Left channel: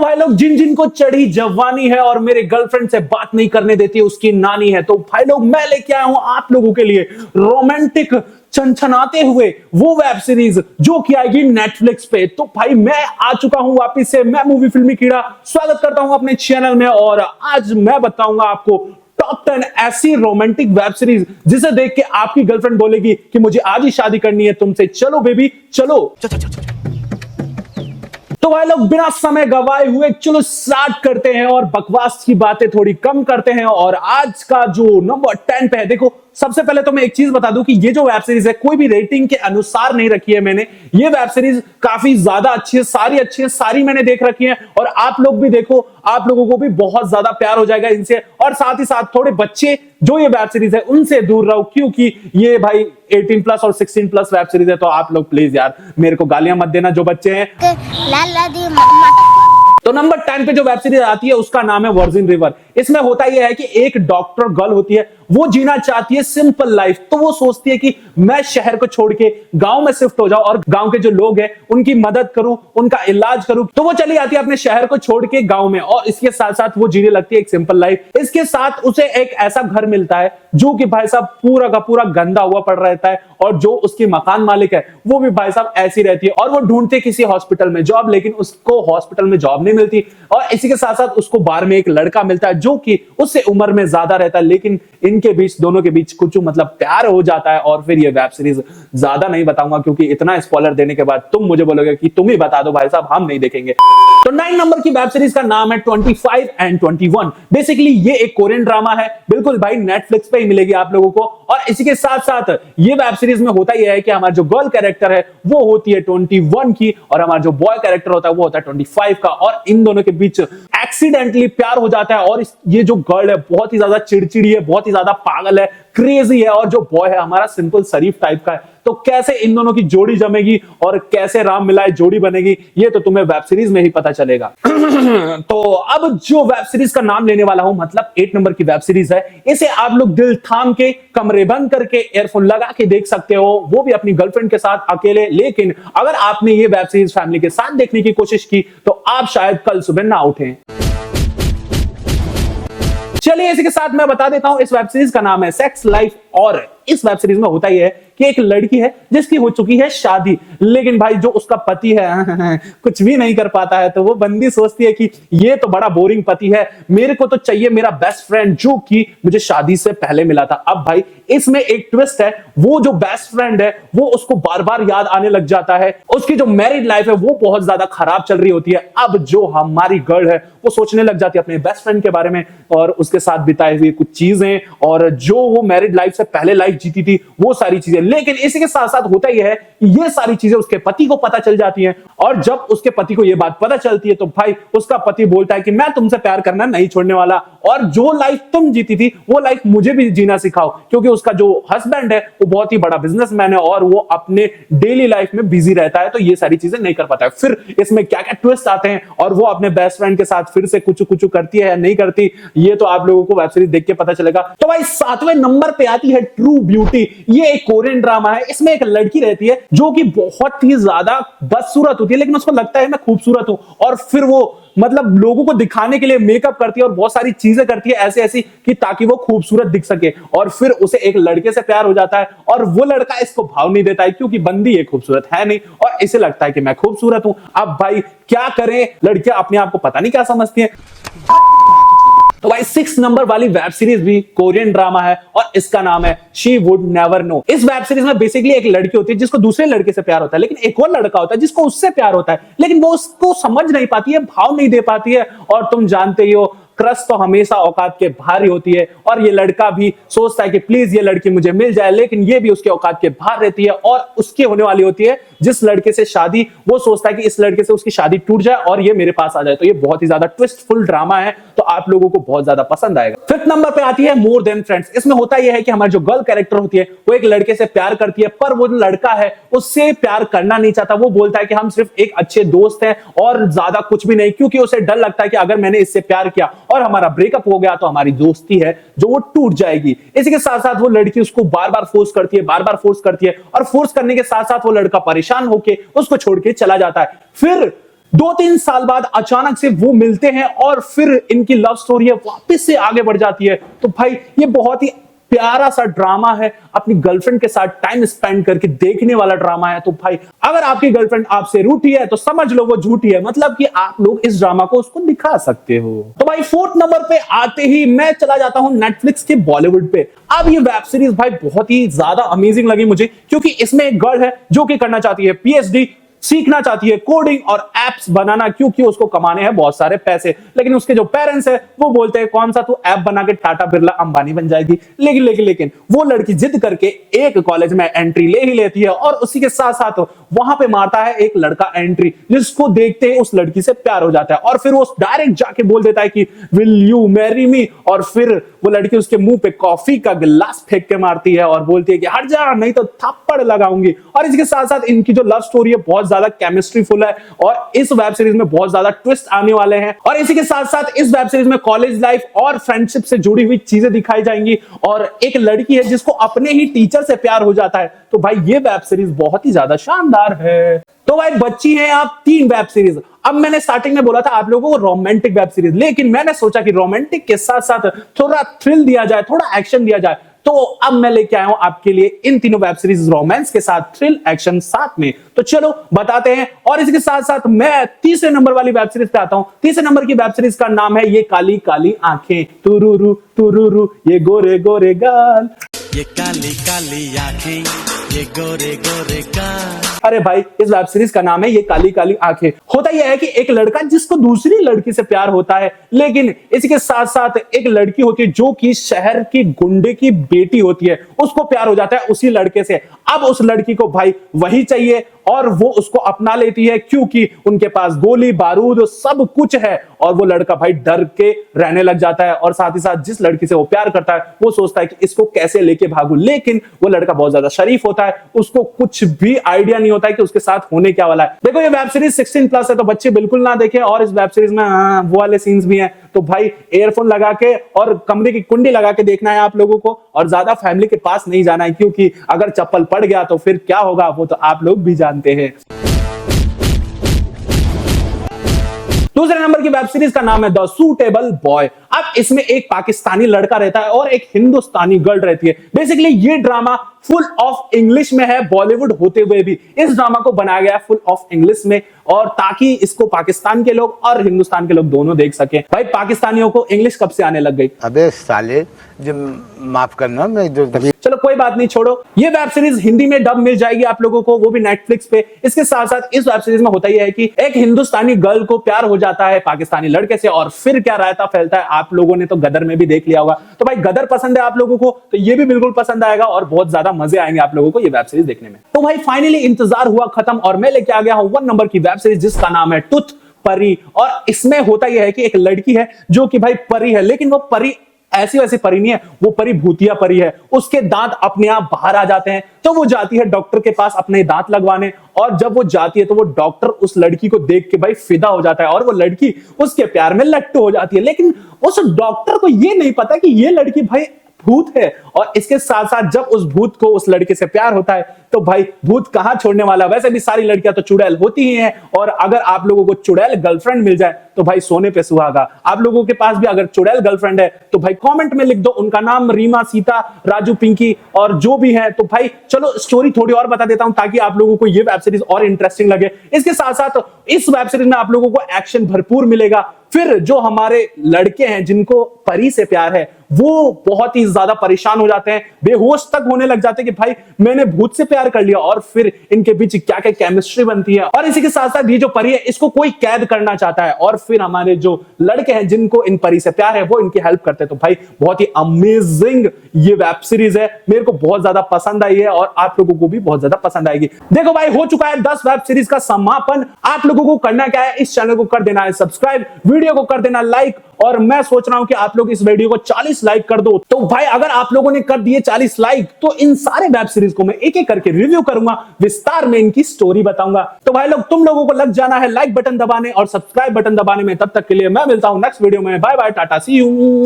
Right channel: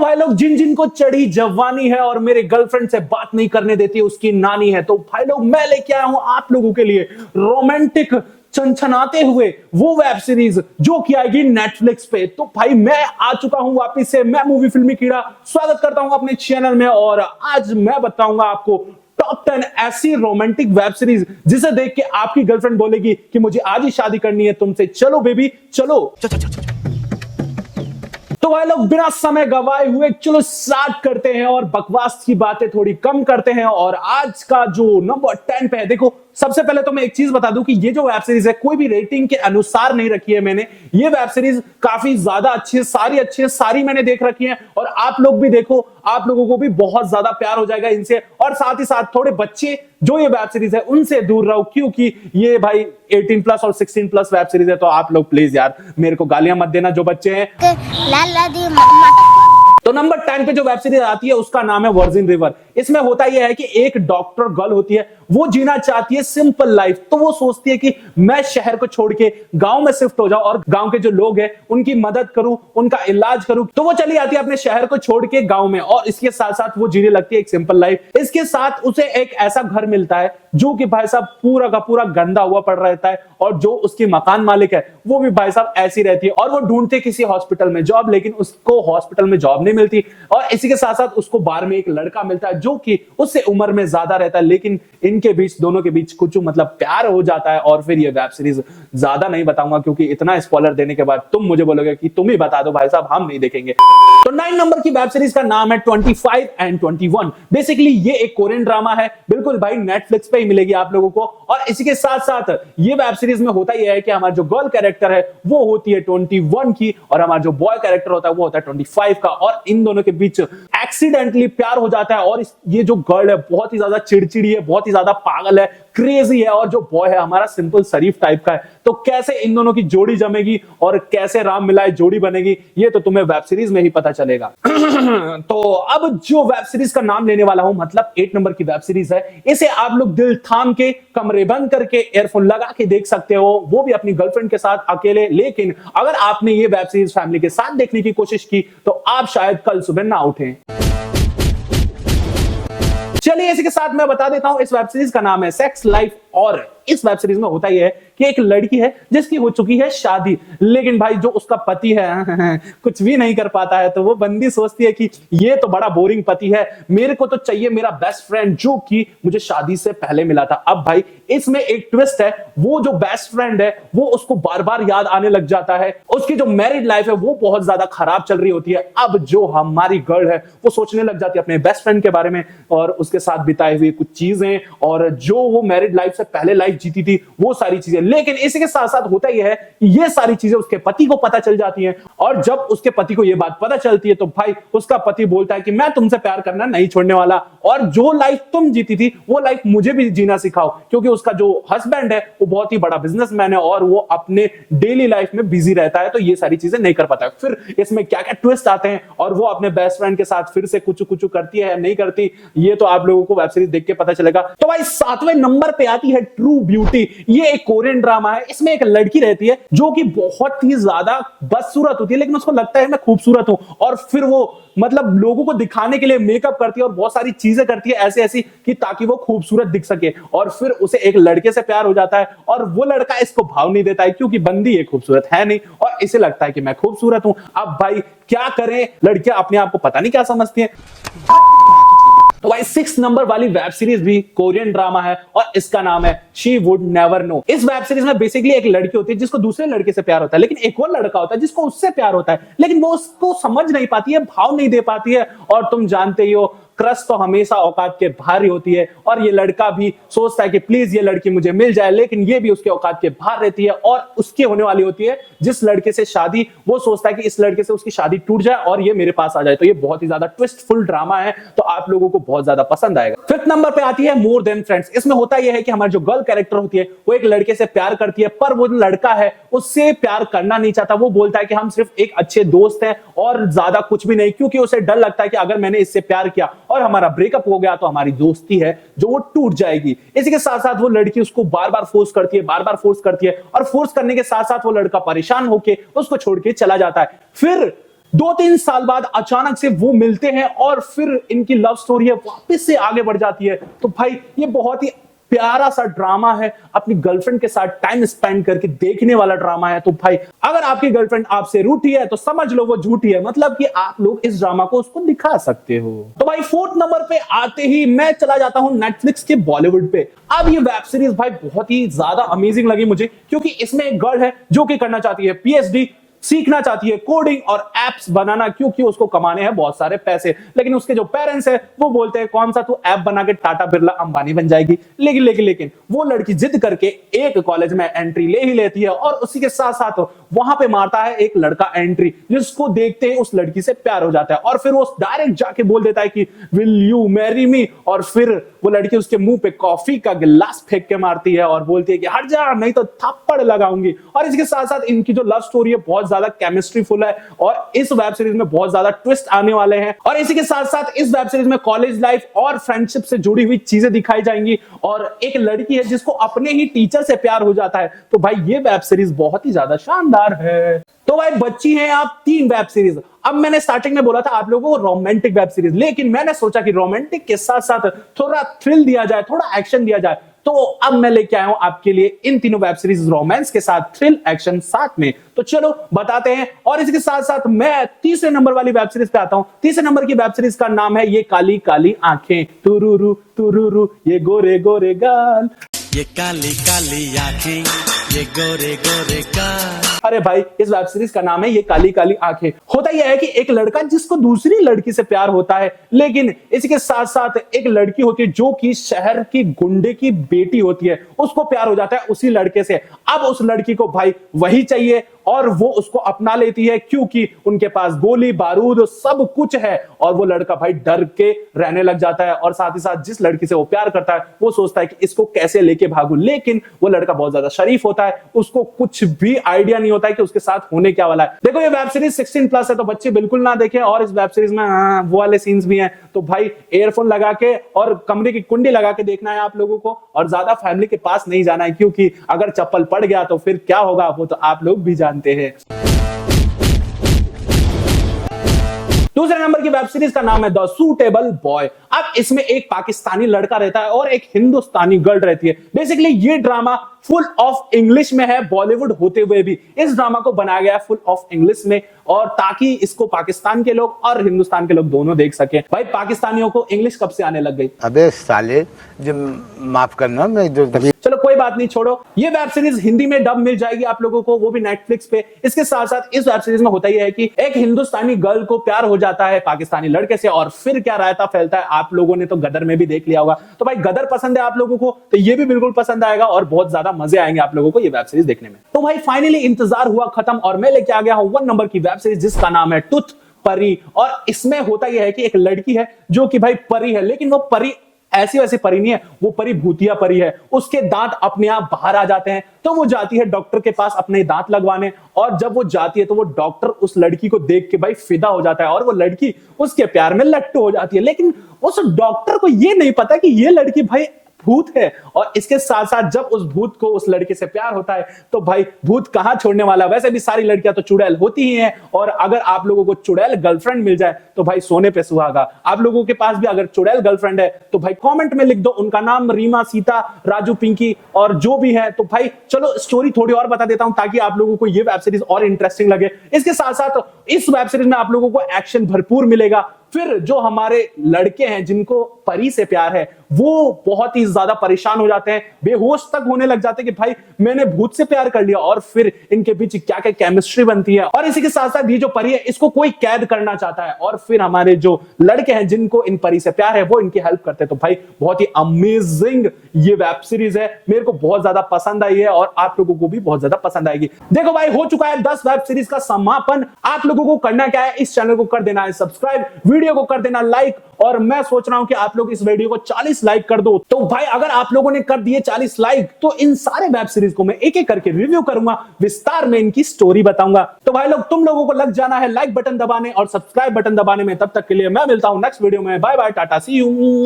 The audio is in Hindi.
भाई लोग जिन जिन को चढ़ी जवानी है और मेरे गर्लफ्रेंड से बात नहीं करने देती उसकी नानी है, तो भाई लोग मैं लेके आया हूं आप लोगों के लिए रोमांटिक छनछनाते हुए वो वेब सीरीज जो कि आएगी नेटफ्लिक्स पे। तो भाई मैं आ चुका हूं वापिस से, मैं मूवी फिल्मी कीड़ा स्वागत करता हूं अपने चैनल में। और आज मैं बताऊंगा आपको टॉप 10 ऐसी रोमांटिक वेब सीरीज जिसे देख के आपकी गर्लफ्रेंड बोलेगी कि मुझे आज ही शादी करनी है तुमसे, चलो बेबी चलो। तो भाई लोग बिना समय गवाए हुए चलो स्टार्ट करते हैं और बकवास की बातें थोड़ी कम करते हैं। और आज का जो नंबर 10 पे है, देखो सबसे पहले तो मैं एक चीज बता दूं कि ये जो वेब सीरीज है कोई भी रेटिंग के अनुसार नहीं रखी है मैंने। ये वेब सीरीज काफी ज्यादा अच्छी है, सारी अच्छी है, सारी मैंने देख रखी है। और आप लोग भी देखो, आप लोगों को भी बहुत ज्यादा प्यार हो जाएगा इनसे। और साथ ही साथ थोड़े बच्चे जो ये वेब सीरीज है उनसे दूर रहो, क्योंकि ये भाई 18 प्लस और 16 प्लस वेब सीरीज है। तो आप लोग प्लीज यार मेरे को गालियां मत देना जो बच्चे हैं। तो नंबर 10 पे जो वेब सीरीज आती है उसका नाम है वर्जिन रिवर। इसमें होता यह है कि एक डॉक्टर गर्ल होती है, वो जीना चाहती है सिंपल लाइफ। तो वो सोचती है कि मैं शहर को छोड़ के गांव में शिफ्ट हो जाऊं और गांव के जो लोग हैं उनकी मदद करूं, उनका इलाज करूं। तो वो चली आती है अपने शहर को छोड़ के गांव में, और इसके साथ साथ वो जीने लगती है एक सिंपल लाइफ। इसके साथ उसे एक ऐसा घर मिलता है जो कि भाई साहब पूरा का पूरा गंदा हुआ पड़ रहता है, और जो उसकी मकान मालिक है वो भी भाई साहब ऐसी रहती है। और वो ढूंढते किसी हॉस्पिटल में जॉब, लेकिन उसको हॉस्पिटल में जॉब नहीं मिलती। और इसी के साथ साथ उसको बार में एक लड़का मिलता है जो कि उससे उम्र में ज्यादा रहता है, लेकिन इनके बीच, दोनों के बीच कुछ मतलब प्यार हो जाता है। और फिर ये वेब सीरीज ज्यादा नहीं बताऊंगा क्योंकि इतना स्पॉइलर देने के बाद तुम मुझे बोलोगे कि तुम ही बता दो भाई साहब, हम नहीं देखेंगे। तो 9 नंबर की वेब सीरीज का नाम है 25 and 21। बेसिकली ये एक कोरियन ड्रामा है, बिल्कुल भाई नेटफ्लिक्स पे ही मिलेगी आप लोगों को। और इसी के साथ साथ ये वेब सीरीज में होता यह है कि हमारा जो गर्ल कैरेक्टर है वो होती है 21 की, और हमारा जो बॉय कैरेक्टर होता है वो होता है 25 का। और इन दोनों के बीच एक्सीडेंटली प्यार हो जाता है। और ये जो गर्ल है बहुत ही ज्यादा चिड़चिड़ी है, बहुत ही ज्यादा पागल है, क्रेजी है, और जो बॉय है हमारा सिंपल शरीफ टाइप का है। तो कैसे इन दोनों की जोड़ी जमेगी और कैसे राम मिलाए जोड़ी बनेगी, ये तो तुम्हें वेब सीरीज में ही पता चलेगा। तो अब जो वेब सीरीज का नाम लेने वाला हूं, मतलब 8 नंबर की वेब सीरीज है, इसे आप लोग दिल थाम के, कमरे बंद करके, एयरफोन लगा के देख सकते हो, वो भी अपनी गर्लफ्रेंड के साथ अकेले। लेकिन अगर आपने ये वेब सीरीज फैमिली के साथ देखने की कोशिश की तो आप शायद कल सुबह ना उठें। चलिए इसी के साथ मैं बता देता हूं, इस वेब सीरीज का नाम है सेक्स लाइफ। और इस वेब सीरीज में होता यह है कि एक लड़की है जिसकी हो चुकी है शादी, लेकिन भाई जो उसका पति है कुछ भी नहीं कर पाता है। तो वो बंदी सोचती है कि ये तो बड़ा बोरिंग पति है, मेरे को तो चाहिए मेरा बेस्ट फ्रेंड जो कि मुझे शादी से पहले मिला था। अब भाई इसमें एक ट्विस्ट है, वो जो बेस्ट फ्रेंड है वो उसको बार बार याद आने लग जाता है। उसकी जो मैरिड लाइफ है वो बहुत ज्यादा खराब चल रही होती है। अब जो हमारी गर्ल है वो सोचने लग जाती है अपने बेस्ट फ्रेंड के बारे में और उसके साथ बिताए हुए कुछ चीजें, और जो वो मैरिड लाइफ से पहले लाइफ जीती थी वो सारी चीजें। लेकिन इसी के साथ साथ होता यह है कि ये सारी चीजें उसके पति को पता चल जाती हैं। और जब उसके पति को ये बात पता चलती है तो भाई उसका पति बोलता है कि मैं तुमसे प्यार करना नहीं छोड़ने वाला, और जो लाइफ तुम जीती थी वो लाइफ मुझे भी जीना सिखाओ। क्योंकि उसका जो हस्बैंड है वो बहुत ही बड़ा बिजनेसमैन है और वो अपने डेली लाइफ में बिजी रहता है, तो ये सारी चीजें नहीं कर पाता है। फिर इसमें क्या क्या ट्विस्ट आते हैं और वो अपने बेस्ट फ्रेंड के साथ फिर से कुछ कुछ करती है या नहीं करती, ये तो आप लोगों को वेब सीरीज देख के पता चलेगा। तो भाई 7वें नंबर पे आती है ट्रू ब्यूटी। ये एक कोरियन ड्रामा है। इसमें एक लड़की रहती है जो कि बहुत ही ज्यादा बदसूरत होती है, लेकिन उसको लगता है मैं खूबसूरत हूं, और फिर वो मतलब लोगों को दिखाने के लिए मेकअप करती है और बहुत सारी चीजें करती है ऐसे ऐसी कि ताकि वो खूबसूरत दिख सके। और फिर उसे एक लड़के से प्यार हो जाता है और वो लड़का इसको भाव नहीं देता है क्योंकि बंदी ये खूबसूरत है नहीं, और इसे लगता है कि मैं खूबसूरत हूं। अब भाई क्या करे, लड़कियां अपने आप को पता नहीं क्या समझती है। तो भाई 6 नंबर वाली वेब सीरीज भी कोरियन ड्रामा है और इसका नाम है शी वुड नेवर नो। इस वेब सीरीज में बेसिकली एक लड़की होती है जिसको दूसरे लड़के से प्यार होता है, लेकिन एक और लड़का होता है जिसको उससे प्यार होता है, लेकिन वो उसको समझ नहीं पाती है, भाव नहीं दे पाती है। और तुम जानते ही हो क्रश तो हमेशा औकात के बाहर ही होती है, और ये लड़का भी सोचता है कि प्लीज ये लड़की मुझे मिल जाए, लेकिन ये भी उसके औकात के बाहर रहती है और उसके होने वाली होती है जिस लड़के से शादी। वो सोचता है कि इस लड़के से उसकी शादी टूट जाए और ये मेरे पास आ जाए। तो ये बहुत ही ज्यादा ट्विस्टफुल ड्रामा है, तो आप लोगों को बहुत ज्यादा पसंद आएगा। 5th नंबर पे आती है मोर देन फ्रेंड्स। इसमें होता यह है कि हमारी जो गर्ल कैरेक्टर होती है वो एक लड़के से प्यार करती है, पर वो लड़का है उससे प्यार करना नहीं चाहता। वो बोलता है कि हम सिर्फ एक अच्छे दोस्त हैं और ज्यादा कुछ भी नहीं, क्योंकि उसे डर लगता है कि अगर मैंने इससे प्यार किया और हमारा ब्रेकअप हो गया तो हमारी दोस्ती है जो वो टूट जाएगी। इसी के साथ साथ वो लड़की उसको बार बार फोर्स करती है, बार बार फोर्स करती है, और फोर्स करने के साथ साथ वो लड़का परेशान होकर उसको छोड़ के चला जाता है। फिर 2-3 साल बाद अचानक से वो मिलते हैं और फिर इनकी लव स्टोरी है वापस से आगे बढ़ जाती है। तो भाई ये बहुत ही प्यारा सा ड्रामा है, अपनी गर्लफ्रेंड के साथ टाइम स्पेंड करके देखने वाला ड्रामा है। तो भाई अगर आपकी गर्लफ्रेंड आपसे रूठी है तो समझ लो वो झूठी है, मतलब कि आप लोग इस ड्रामा को उसको दिखा सकते हो। तो भाई 4th नंबर पे आते ही मैं चला जाता हूं नेटफ्लिक्स के बॉलीवुड पे। अब ये वेब सीरीज भाई बहुत ही ज्यादा अमेजिंग लगी मुझे, क्योंकि इसमें एक गर्ल है जो कि करना चाहती है पीएचडी, सीखना चाहती है कोडिंग और एप्स बनाना, क्योंकि उसको कमाने हैं बहुत सारे पैसे। लेकिन उसके जो पेरेंट्स है वो बोलते हैं कौन सा तू ऐप बना के टाटा बिरला अंबानी बन जाएगी। लेकिन वो लड़की जिद करके एक कॉलेज में एंट्री ले ही लेती है और उसी के साथ साथ वहां पे मारता है एक लड़का एंट्री, जिसको देखते ही उस लड़की से प्यार हो जाता है और फिर वो डायरेक्ट जाके बोल देता है कि विल यू मैरी मी, और फिर वो लड़की उसके मुंह पे कॉफी का गिलास फेंक के मारती है और बोलती है कि हट जा नहीं तो थप्पड़ लगाऊंगी। और इसके साथ साथ इनकी जो लव स्टोरी है बहुत ज्यादा केमिस्ट्री फुल है और इस वेब सीरीज में बहुत ज्यादा ट्विस्ट आने वाले हैं। और इसी के साथ साथ इस वेब सीरीज में कॉलेज लाइफ और फ्रेंडशिप से जुड़ी हुई चीजें दिखाई जाएंगी और एक लड़की है जिसको अपने ही टीचर से प्यार हो जाता है। तो भाई ये वेब सीरीज बहुत ही ज्यादा शानदार है। तो भाई बच्ची है आप 3 वेब सीरीज। अब मैंने स्टार्टिंग में बोला था आप लोगों को रोमांटिक वेब सीरीज, लेकिन मैंने सोचा कि रोमांटिक के साथ साथ थोड़ा थ्रिल दिया जाए, थोड़ा एक्शन दिया जाए। तो अब मैं लेके आया हूं आपके लिए इन तीनों वेब सीरीज, रोमांस के साथ थ्रिल एक्शन साथ में। तो चलो बताते हैं। और इसके साथ साथ मैं तीसरे नंबर वाली वेब सीरीज पे आता हूं। तीसरे नंबर की वेब सीरीज का नाम है ये काली काली आंखें, तुरुरु तुरुरु ये गोरे गोरे गाल, ये काली काली आंखें, ये गोरे गोरे गाल। अरे भाई इस वेब सीरीज का नाम है ये काली काली आंखें। होता यह है कि एक लड़का जिसको दूसरी लड़की से प्यार होता है, लेकिन इसके साथ साथ एक लड़की होती है जो कि शहर की गुंडे की बेटी होती है, उसको प्यार हो जाता है उसी लड़के से। अब उस लड़की को भाई वही चाहिए और वो उसको अपना लेती है, क्योंकि उनके पास गोली बारूद सब कुछ है। और वो लड़का भाई डर के रहने लग जाता है और साथ ही साथ जिस लड़की से वो प्यार करता है वो सोचता है कि इसको कैसे लेके भागूं। लेकिन वो लड़का बहुत ज्यादा शरीफ होता है, उसको कुछ भी आइडिया नहीं होता है कि उसके साथ होने क्या वाला है। देखो ये वेब सीरीज 16+ है, तो बच्चे बिल्कुल ना देखें। और इस वेब सीरीज में वो वाले सीन्स भी हैं, तो भाई एयरफोन लगा के और कमरे की कुंडी लगा के देखना है आप लोगों को, और ज्यादा फैमिली के पास नहीं जाना है, क्योंकि अगर चप्पल पड़ गया तो फिर क्या होगा वो तो आप लोग भी जानते हैं। दूसरे नंबर की वेब सीरीज का नाम है द सूटेबल बॉय। अब इसमें एक पाकिस्तानी लड़का रहता है और एक हिंदुस्तानी गर्ल रहती है। बेसिकली ये ड्रामा फुल ऑफ इंग्लिश में है, बॉलीवुड होते हुए भी इस ड्रामा को बनाया गया फुल ऑफ इंग्लिश में, और ताकि इसको पाकिस्तान के लोग और हिंदुस्तान के लोग दोनों देख सके। भाई पाकिस्तानियों को इंग्लिश कब से आने लग गई? अबे साले, जब माफ करना मैं चलो कोई बात नहीं, छोड़ो। ये वेब सीरीज हिंदी में डब मिल जाएगी आप लोगों को, वो भी नेटफ्लिक्स पे। इसके साथ साथ इस वेब सीरीज में होता यह है कि एक हिंदुस्तानी गर्ल को प्यार हो जाता है पाकिस्तानी लड़के से, और फिर क्या रायता फैलता है। आप लोगों ने तो गदर में भी देख लिया होगा, तो भाई गदर पसंद है आप लोगों को तो ये भी बिल्कुल पसंद आएगा और बहुत ज्यादा मजे आएंगे आप लोगों को ये वेब सीरीज देखने में। तो भाई फाइनली इंतजार हुआ खत्म और मैं लेके आ गया हूं 1 नंबर की वेब सीरीज जिसका नाम है टूथ परी। और इसमें होता यह है कि एक लड़की है जो कि भाई परी है, लेकिन वो परी ऐसी वैसी परी नहीं है, वो परी भूतिया परी है। उसके दांत अपने आप बाहर आ जाते हैं, तो वो जाती है डॉक्टर के पास अपने दांत लगवाने, और जब वो जाती है तो वो डॉक्टर उस लड़की को देख के भाई फिदा हो जाता है और वो लड़की उसके प्यार में लट्टू हो जाती है। लेकिन उस डॉक्टर को ये नहीं पता कि ये लड़की भाई भूत है। और इसके साथ साथ जब उस भूत को उस लड़के से प्यार होता है तो भाई भूत कहां छोड़ने वाला। वैसे भी सारी लड़कियां तो चुड़ैल होती ही हैं, और अगर आप लोगों को चुड़ैल गर्लफ्रेंड मिल जाए तो भाई सोने पे सुहागा। आप लोगों के पास भी अगर चुड़ैल गर्लफ्रेंड है तो भाई कमेंट में लिख दो उनका नाम, रीमा, सीता, राजू, पिंकी और जो भी है। तो भाई चलो स्टोरी थोड़ी और बता देता हूं ताकि आप लोगों को ये वेब सीरीज और इंटरेस्टिंग लगे। इसके साथ साथ इस वेब सीरीज में आप लोगों को एक्शन भरपूर मिलेगा। फिर जो हमारे लड़के हैं जिनको परी से प्यार है वो बहुत ही ज्यादा परेशान हो जाते हैं, बेहोश तक होने लग जाते हैं कि भाई मैंने भूत से प्यार कर लिया, और फिर इनके बीच क्या क्या केमिस्ट्री बनती है। और इसी के साथ साथ ये जो परी है इसको कोई कैद करना चाहता है, और फिर हमारे जो लड़के हैं जिनको इन परी से प्यार है वो इनकी हेल्प करते हैं। तो भाई बहुत ही अमेजिंग ये वेब सीरीज है, मेरे को बहुत ज्यादा पसंद आई है और आप लोगों को भी बहुत ज्यादा पसंद आएगी। देखो भाई हो चुका है 10 वेब सीरीज का समापन। आप लोगों को करना क्या है, इस चैनल को कर देना है सब्सक्राइब, वीडियो को कर देना लाइक, और मैं सोच रहा हूं कि आप लोग इस वीडियो को 40 लाइक कर दो। तो भाई अगर आप लोगों ने कर दिए 40 लाइक तो इन सारे वेब सीरीज को मैं एक एक करके रिव्यू करूंगा, विस्तार में इनकी स्टोरी बताऊंगा। तो भाई लोग तुम लोगों को लग जाना है लाइक बटन दबाने और सब्सक्राइब बटन दबाने में। तब तक के लिए मैं मिलता हूं नेक्स्ट वीडियो में। Bye bye, tata, see you.